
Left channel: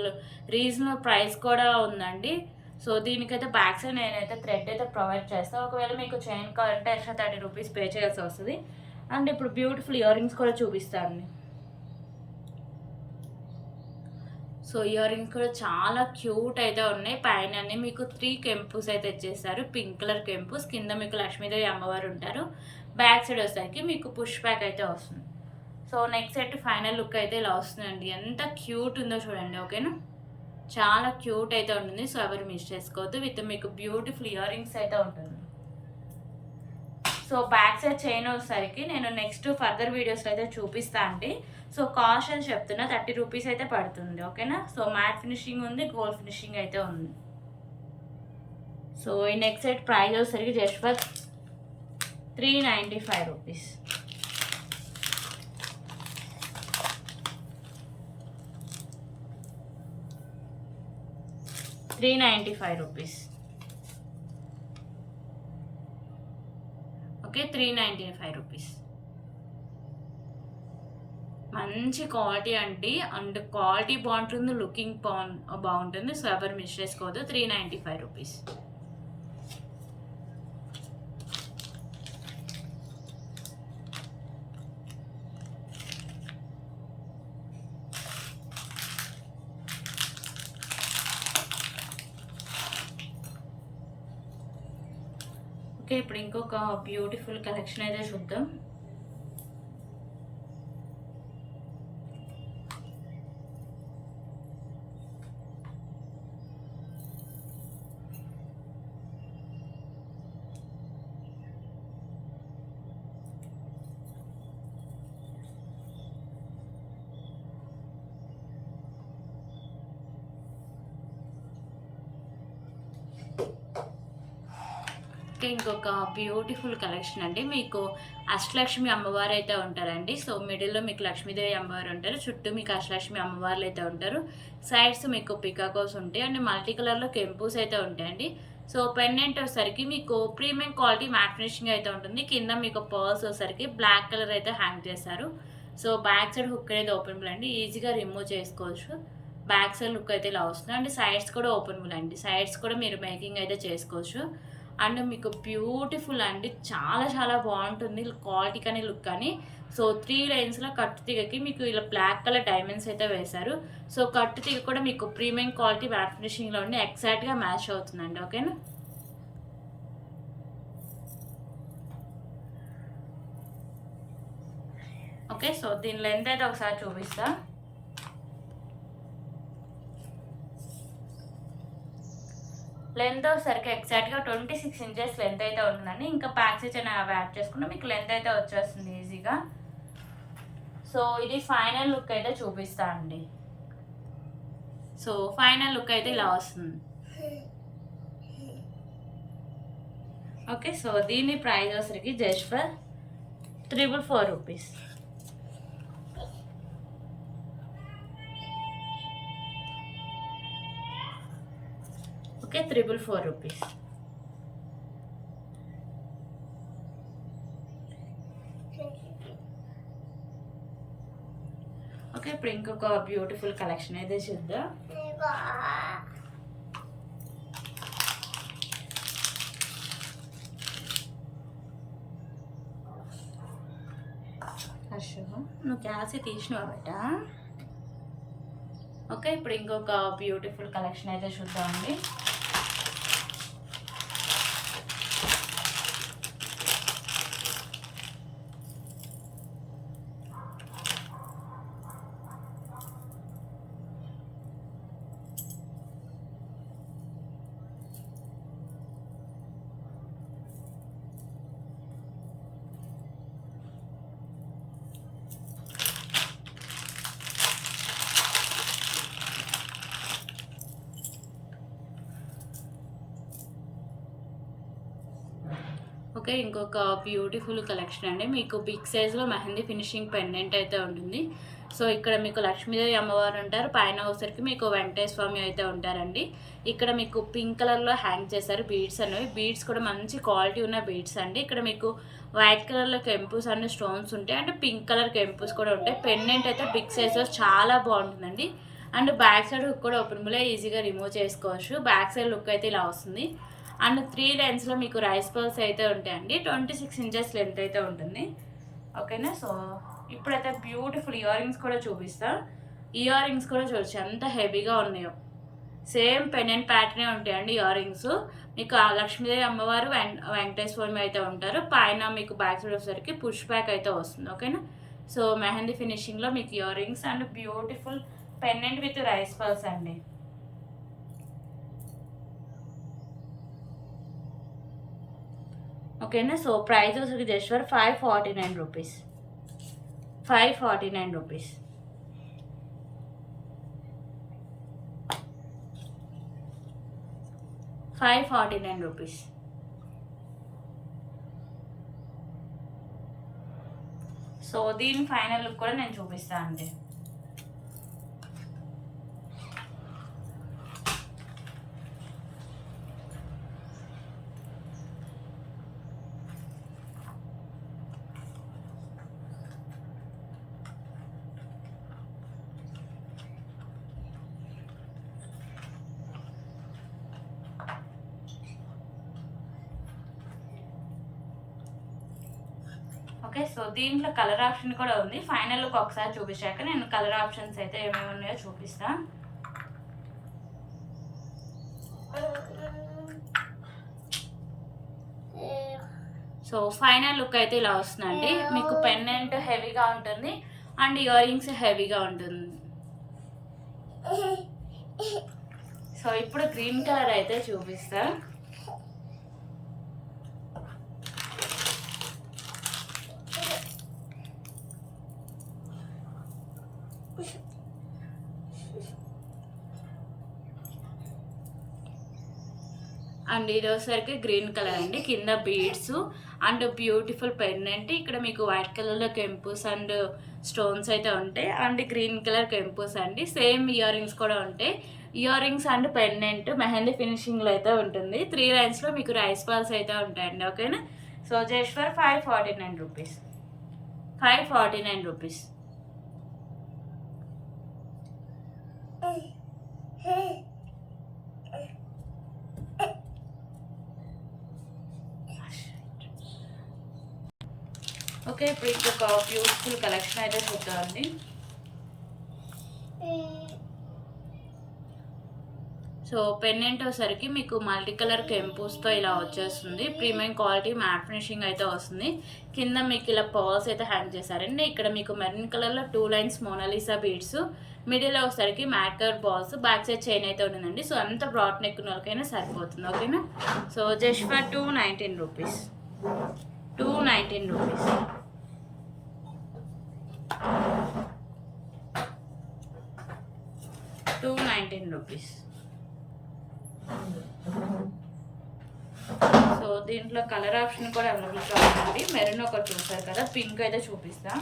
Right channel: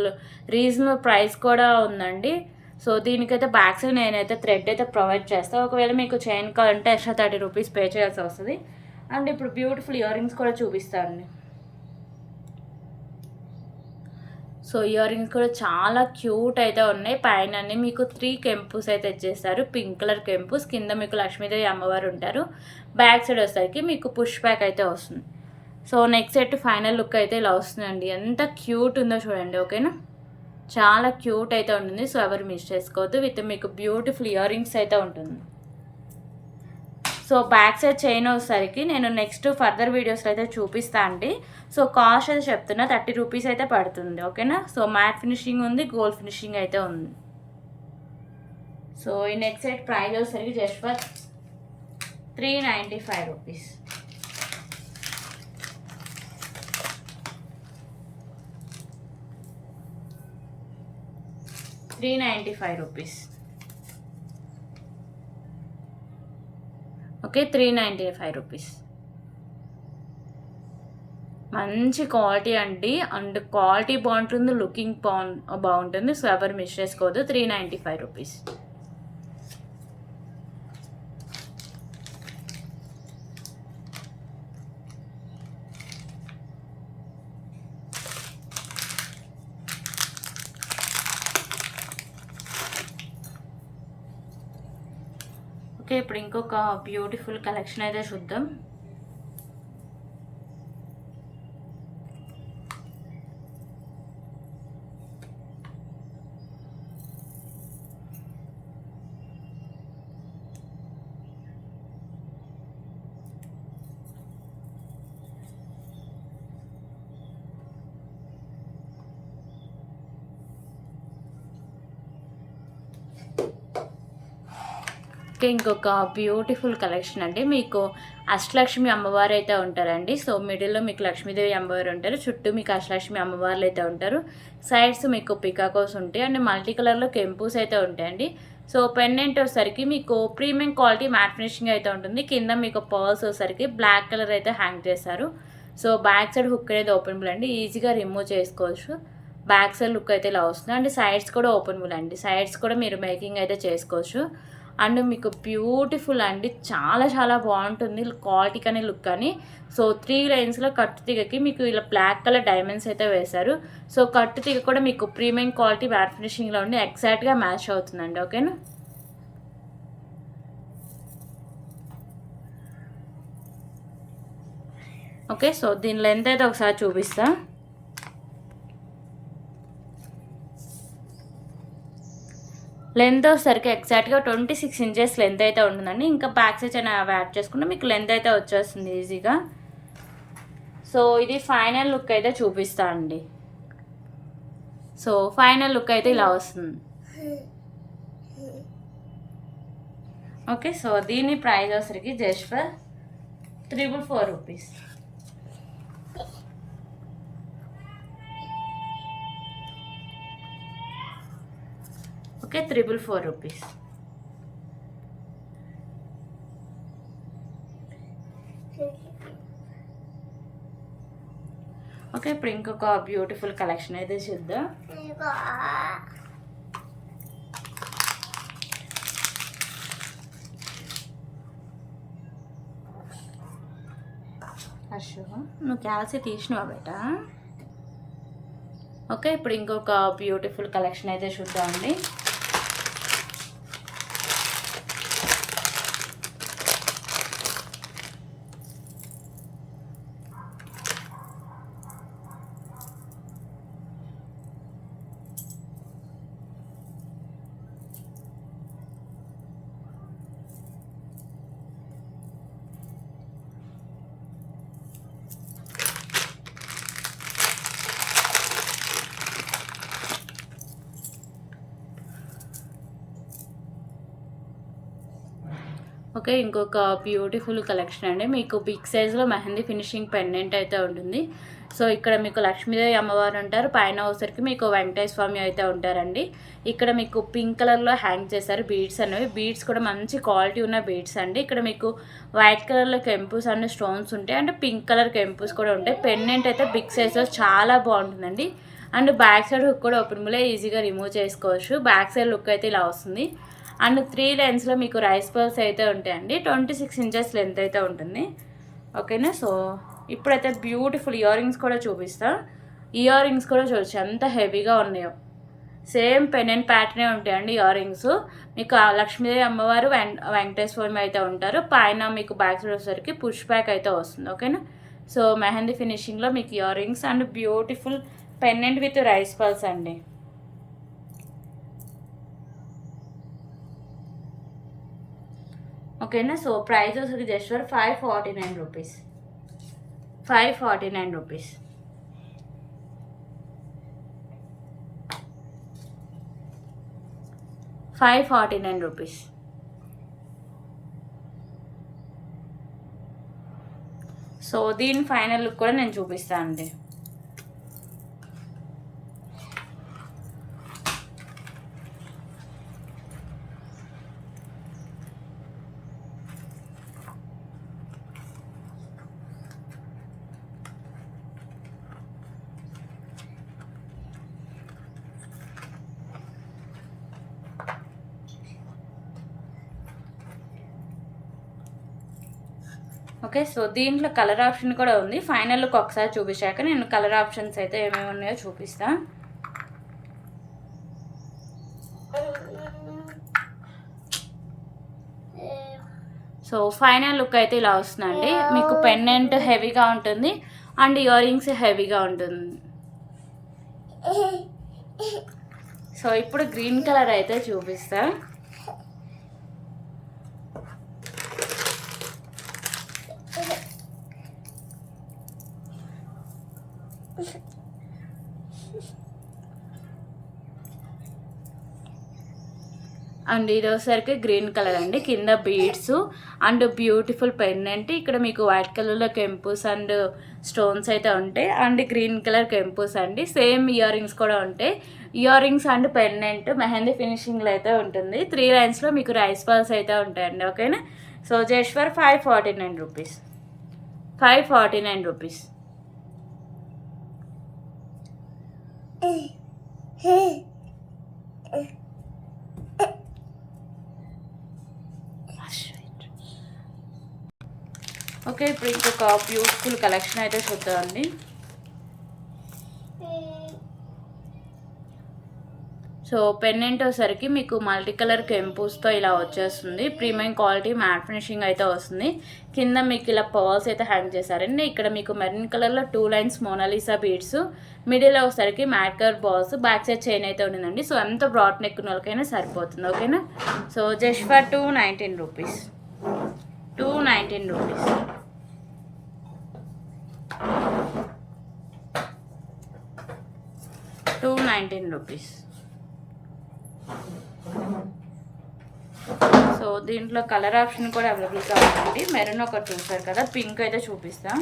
రీజనబుల్ ప్రైస్ కూడా ఉందండి. సో దీనికైతే బ్యాక్ సైడ్ నేనైతే థ్రెడ్ అయితే ప్రొవైడ్ చేస్తాను. ఒకవేళ మీకు చైన్ కావాలంటే ఎక్స్ట్రా 30 రూపీస్ పే చేయాల్సి వస్తుంది. అండ్ ఇప్పుడు బ్యూటిఫుల్ ఇయర్ రింగ్స్ కూడా చూపిస్తాను. సో ఇయర్ రింగ్స్ కూడా చాలా క్యూట్ అయితే ఉన్నాయి. పైన మీకు 3 కెంపుస్ అయితే ఇచ్చేస్తారు, పింక్ కలర్ కెంపుస్. కింద మీకు లక్ష్మీదేవి అమ్మవారు ఉంటారు. బ్యాక్ సైడ్ వచ్చేసరికి మీకు పుష్ బ్యాక్ అయితే వస్తుంది. So next set final look అయితే ఇలా వస్తుందండి. ఎంత క్యూట్ ఉందో చూడండి, ఓకేనా. చాలా క్యూట్ అయితే ఉంటుంది. సో ఎవరు మిస్ చేసుకోవద్దు. విత్ మీకు బ్యూటిఫుల్ ఇయర్ రింగ్స్ అయితే ఉంటుంది. సో బ్యాక్ సైడ్ చైన్ వచ్చేసరికి నేను నెక్స్ట్ ఫర్దర్ వీడియోస్లో అయితే చూపిస్తా అండి. సో కాస్ట్ అయితే చెప్తున్నా 30 రూపీస్ అయితే పడుతుంది, ఓకేనా. సో మ్యాట్ ఫినిషింగ్ ఉంది, గోల్డ్ ఫినిషింగ్ అయితే ఉంది. సో ఈ నెక్స్ట్ సెట్ ప్రైస్ వచ్చేసరికి జస్ట్ ఫర్ 395 రూపీస్. ₹395. ఓకే, ₹395. మంచి క్వాలిటీ అండి. అండ్ క్వాలిటీ బాగుంటుంది, లుకింగ్ బాగుంటుంది. సో ఎవరు మిస్ చేసుకోవద్దు. ₹395. ఓకే, ఇప్పుడు ఇంకొక బ్యూటిఫుల్ కలెక్షన్ అయితే చూద్దాం. ఇంకొక బ్యూటిఫుల్ కలెక్షన్ అండి. మీకు అష్టలక్ష్మి అమ్మవారు అయితే ఉంటారండి. సో మిడిల్లో మీకు లక్ష్మీదేవి అమ్మవారు ఉంటారు, చుట్టూ మీకు అష్టలక్ష్మి అమ్మవార్లు అయితే ఉంటారు. సైడ్స్ మీకు పికాకోస్ ఉంటాయి అండ్ మల్టీ కలర్లో కెంపుస్ అయితే ఉంటాయండి. సో పెండెంట్ వచ్చేసరికి మీకు ప్రీమియం క్వాలిటీ మ్యాట్ ఫినిషింగ్ అయితే ఉంటుంది. కింద మీకు పర్ల్స్ వచ్చేసరికి బ్లాక్ కలర్ అయితే హ్యాంగ్ చేస్తారు. సో బ్యాక్ సైడ్ హుక్ అనేది ఓపెనబుల్ అండి, ఈజీగా రిమూవ్ చేసుకోవచ్చు. బ్యాక్ సైడ్ లుక్ అయితే ఇలా వస్తుంది అండ్ సైడ్స్ కూడా ఓపెనబుల్ అండి. సైడ్స్ కూడా మీరు మేకింగ్ అయితే చేసుకోవచ్చు. అండ్ మీకు బ్యూటిఫుల్ అండి, చాలా చాలా బాగుంటుంది క్వాలిటీ కానీ లుక్ కానీ. సో 3 లైన్స్లో కట్టు తీగకి మీకు ఇలా బ్లాక్ కలర్ డైమండ్స్ అయితే వేశారు. సో కట్టు తీగ కూడా మీకు ప్రీమియం క్వాలిటీ మ్యాట్ ఫినిషింగ్లో ఉండి ఎగ్జాక్ట్గా మ్యాచ్ అవుతుందండి, ఓకేనా. ఓకే, సో దీని లెంత్ అయితే ఒకసారి చూపిస్తా. లెంత్ వచ్చేసరికి ఎగ్జాక్ట్గా 26 ఇంచెస్ లెంత్ అయితే ఉంటుందండి. ఇంకా బ్యాక్ సైజ్ అని యాడ్ చేసుకుంటే మీకు లెంత్ అయితే వచ్చేస్తుంది ఈజీగా. సో ఇది ఫైనల్ లుక్ అయితే చూపిస్తా అండి. సో ఫైనల్ లుక్ అయితే ఇలా వస్తుంది. ఓకే, సో దీని ప్రైస్ వచ్చేసరికి just for 444 rupees. Okay, 444 rupees. Okay, ఇప్పుడు ఇంకొక బ్యూటిఫుల్ కలెక్షన్ అయితే చూద్దాం. అశో నువ్వు క్యాల్సి తీసినావా బేట. ఓకే, ఇప్పుడు ఇంకొక బ్యూటిఫుల్ కలెక్షన్ అయితే చూద్దామండి. ఓకే, ఇంకొక బ్యూటిఫుల్ కలెక్షన్ అండి. మీకు బిగ్ సైజ్లో మెహందీ ఫినిషింగ్ పెండెంట్ అయితే ఉంటుంది. సో ఇక్కడ మీకు లక్ష్మీదేవి అమ్మవారు ఉంటారు, పైన వచ్చరికి మీకు వెంకటేశ్వర స్వామి అయితే ఉంటారండి. ఇక్కడ మీకు పింక్ కలర్లో హ్యాంగ్ చేశారు బీడ్స్ అనేవి. బీడ్స్ కూడా మంచి క్వాలిటీ ఉన్న బీడ్స్ అండి. ఇక్కడ మీకు వైట్ కలర్లో కెంపుస్ అండ్ స్టోన్స్ ఉంటాయి, అండ్ పింక్ కలర్ కెంపుస్ కూడా ఉంటాయి. పెండెంట్ అయితే బిగ్ సైజ్లో చాలా బాగుంటుందండి. అండ్ బ్యాక్ సైడ్ హుక్ కూడా ఓపెన్ ములే ఈజీగా రిమూవ్ చేసుకోవచ్చు. బ్యాక్ సైడ్ లుక్ అయితే ఇలా వస్తుంది. అండ్ 3 లైన్స్లో మీకు రైస్ పర్ల్స్ అయితే ఉంటాయండి. 26 ఇంచెస్ లెంత్ అయితే ఉంటుంది. ఓకేనా. సో ఇప్పుడైతే బ్యూటిఫుల్ ఇయర్ రింగ్స్ కూడా చూపిస్తా. ఇయర్ రింగ్స్ కూడా చూడొచ్చు ఎంత హెవీగా ఉన్నాయో. సేమ్ పెండెంట్ ప్యాటర్నే ఉంటాయండి ఇయర్ రింగ్స్. మీకు లక్ష్మీదేవి అమ్మవారు వెంకటేశ్వర స్వామి అయితే ఉంటారు. పైన మీకు బ్యాక్ సైడ్ వచ్చేసరికి పుష్ బ్యాక్ అయితే వస్తుంది. ఓకేనా. సో మెహందీ ఫినిషింగ్లో మీకు year rings and beautiful pendant with rice pearls అండి. ఓకేనా. సో ప్రైస్ వచ్చి just for 549 rupees. 549 rupees. Rupees. So దీని ఫైనల్ లుక్ కూడా నేను చూపిస్తాను అండి. ఓకే. సో దీంట్లో కలర్ ఆప్షన్ కూడా ఉంది. ఫైనల్ లుక్ ఒకసారి చూపించాక నేను కలర్ ఆప్షన్స్ అయితే ఏమేమి ఉన్నాయో చూపిస్తా. సో ఫైనల్ లుక్ అయితే ఇలా వస్తుందండి. మీకు పెండెంట్ హెవీగా ఉంటుంది అండ్ ఇయర్ రింగ్స్ హెవీగా ఉంటుంది. సో ఇప్పుడు గ్రీన్ కలర్ అయితే చూపిస్తా. అండ్ ఇది వచ్చేసరికి గ్రీన్ కలర్ అండి. కింద బీడ్స్ అండ్ బ్యూటిఫుల్ పెండెంట్. ఇక్కడ మీకు వైట్ కలర్లో కెంపుస్ అండ్ స్టోన్స్ అయితే ఉంటాయి అండ్ గ్రీన్ కలర్ కెంపుస్ అండి. సేమ్ ఇయర్ రింగ్స్ కూడా ఉంటాయి. Ear rings and pendant mehndi ఫినిషింగ్లో అయితే ఉంటుంది. 3 లైన్స్లో మీకు రైస్ పర్ల్స్ అయితే ఉంటాయండి. ఓకేనా. So just for 549 rupees. 549 rupees. Okay, ఇప్పుడు ఇంకొక బ్యూటిఫుల్ కలెక్షన్ అయితే చూద్దామండి. సో పెండెంట్ వచ్చేసరికి మీకు మల్టీ కలర్ కెంపుస్తో ఇలా వచ్చేస్తుంది. ప్రీమియం క్వాలిటీ మ్యాట్ ఫినిషింగ్ అయితే వస్తుంది. కింద మీకు ఇలా పర్ల్స్ అయితే హ్యాంగ్ చేశారండి. ఇక్కడ మీకు మెరూన్ కలర్లో 2 లైన్స్ మోనాలిసా బీడ్స్, మిడిల్లో వచ్చేసరికి matte colour balls, back side chain అయితే ఉండిందండి. సో ఎంత బ్రాడ్ నెక్ ఉన్న వాళ్ళకైనా సరిపోతుంది. ఓకేనా. So just for 219 rupees. 219 rupees. 219 rupees. So దీంట్లో కలర్ ఆప్షన్ కూడా అవైలబుల్గా ఉంటుంది. మెరూన్ ఒకటి చూస్తారు కదా, పింక్ అయితే చూపిస్తా.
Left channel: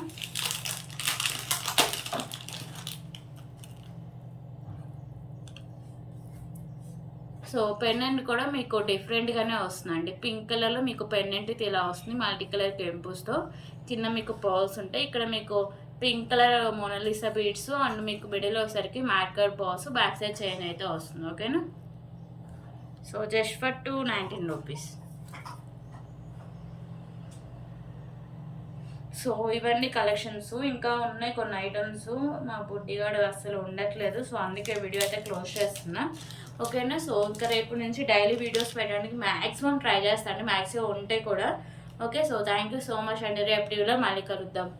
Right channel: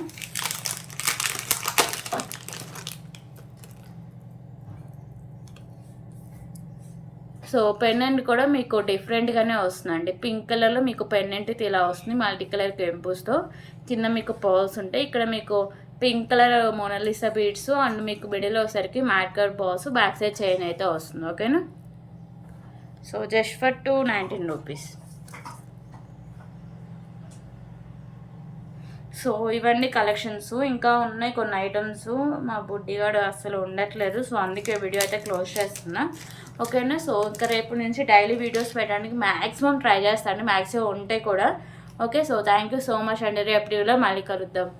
సో పెండెంట్ కూడా మీకు డిఫరెంట్గానే వస్తుందండి. పింక్ కలర్లో మీకు పెండెంట్ ఇలా వస్తుంది మల్టీ కలర్ కెంపుస్తో. కింద మీకు పర్ల్స్ ఉంటాయి. ఇక్కడ మీకు pink colour Mona Lisa beads and మీకు మిడిల్ వచ్చేసరికి matte colour balls, back side chain అయితే వస్తుంది. ఓకేనా. So just for 219 rupees. So ఇవన్నీ కలెక్షన్స్. ఇంకా ఉన్నాయి కొన్ని ఐటమ్స్. మా బుడ్డిగాడు అసలు ఉండట్లేదు, సో అందుకే వీడియో అయితే క్లోజ్ చేస్తున్నా. ఓకేనా. సో ఇంకా రేపు నుంచి డైలీ వీడియోస్ పెట్టడానికి మ్యాక్సిమం ట్రై చేస్తాను, మ్యాక్సిమం ఉంటాయి కూడా. Okay. So thank you so much అండి. రేపు వీడియోలో మళ్ళీ కలుద్దాం.